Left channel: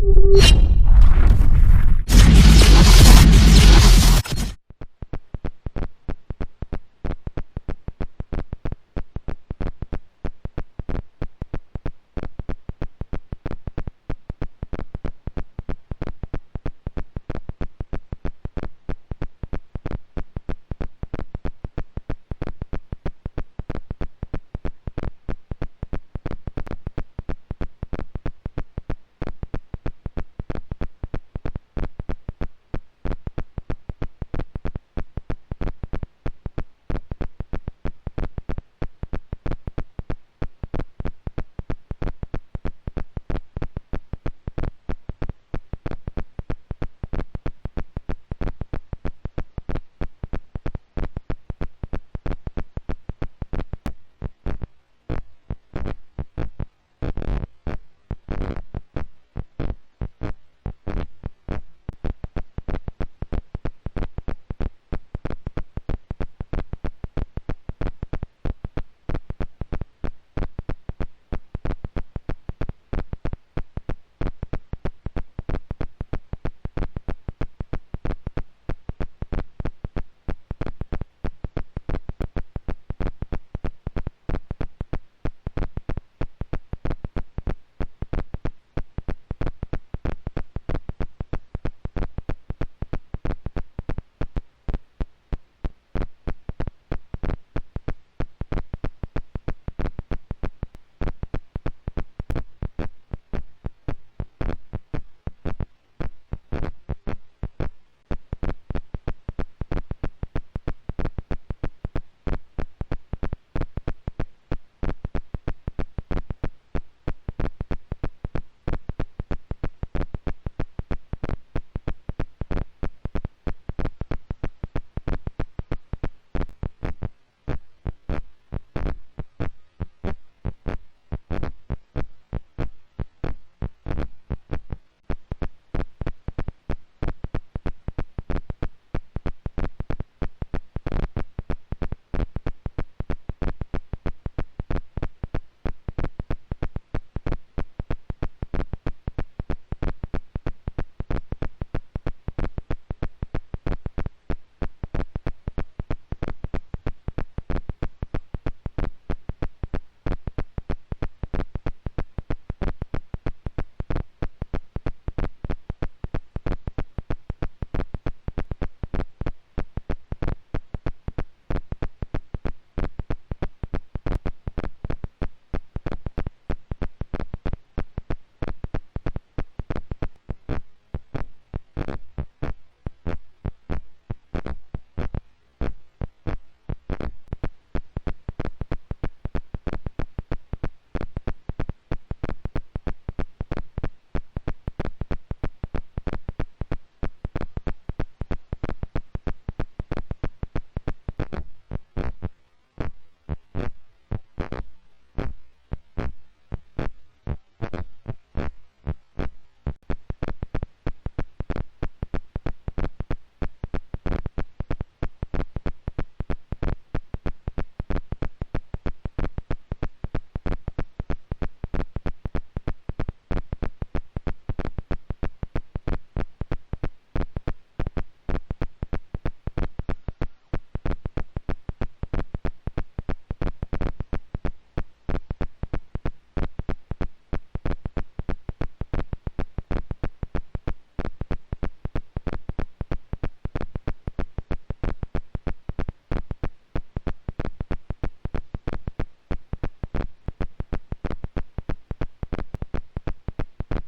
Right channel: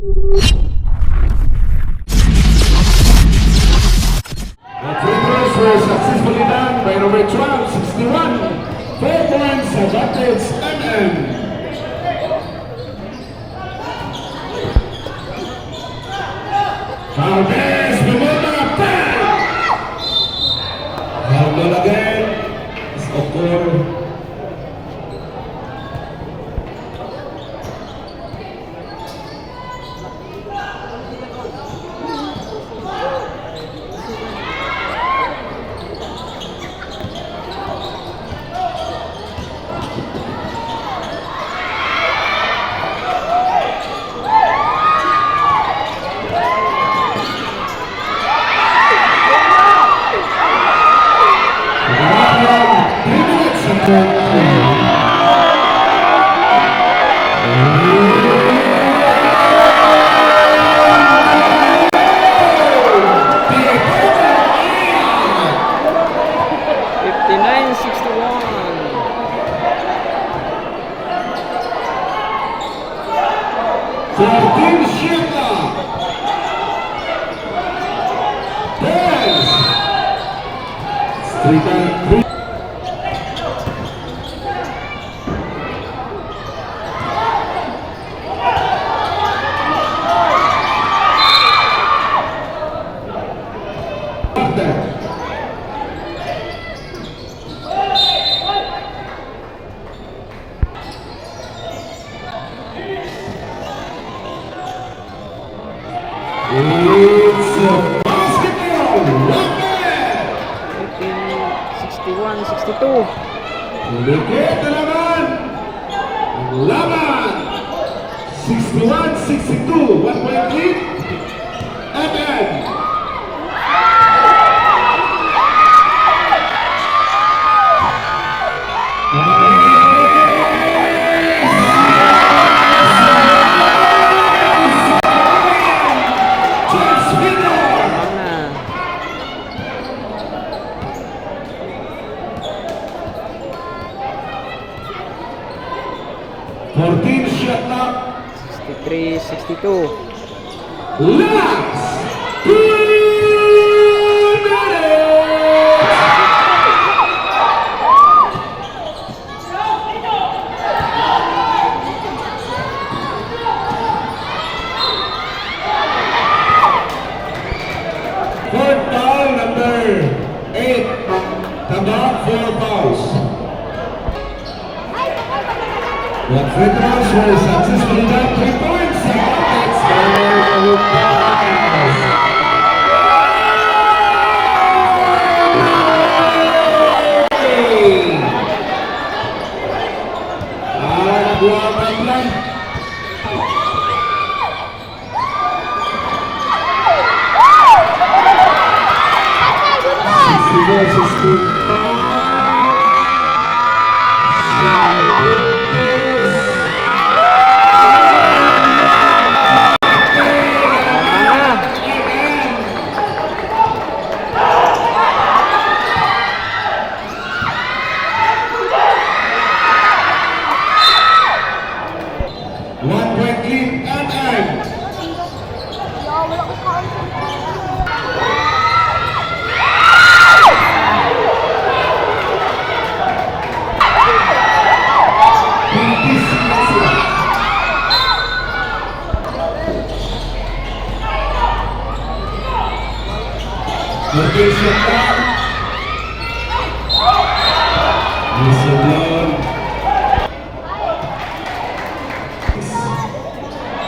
throws were successfully done by number 12, 61. 4 points advantage MM. Valdez, Bumota, 10. Valdez again. Score. It's a basketball. 61-62. Ulit na laban. Laban. 61-62. 1 point lead. MM. Shot clock. 63-62. Last. Fourth foul, number 8. Taba, 4 fouls. What free throws were successfully done, 3 points. That's very pass. Nagbuha ang lang.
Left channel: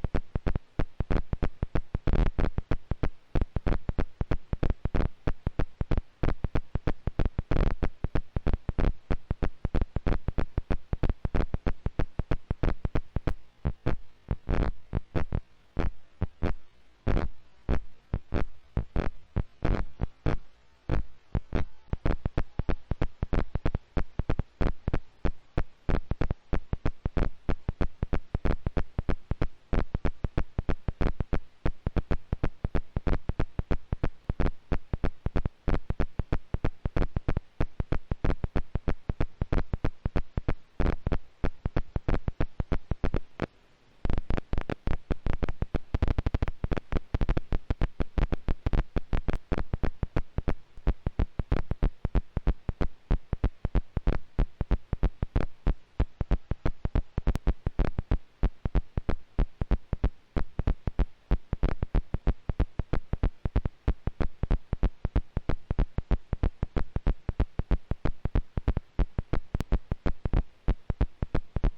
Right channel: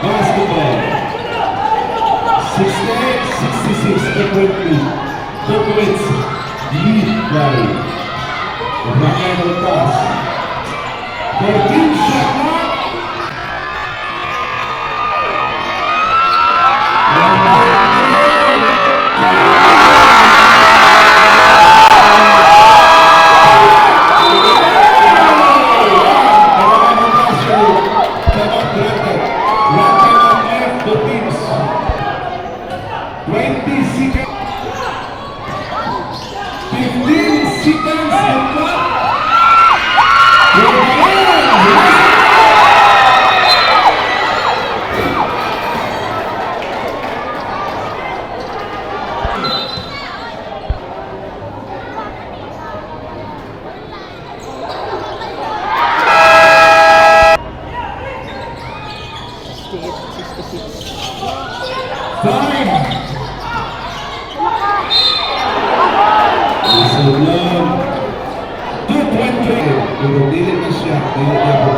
Basketball 68-66 completely. 2 points lead by Rafael Pass. 14 shot clock. Seconds. Time! Whistle lang. 2:20. Pero dili na siya. Dili niya po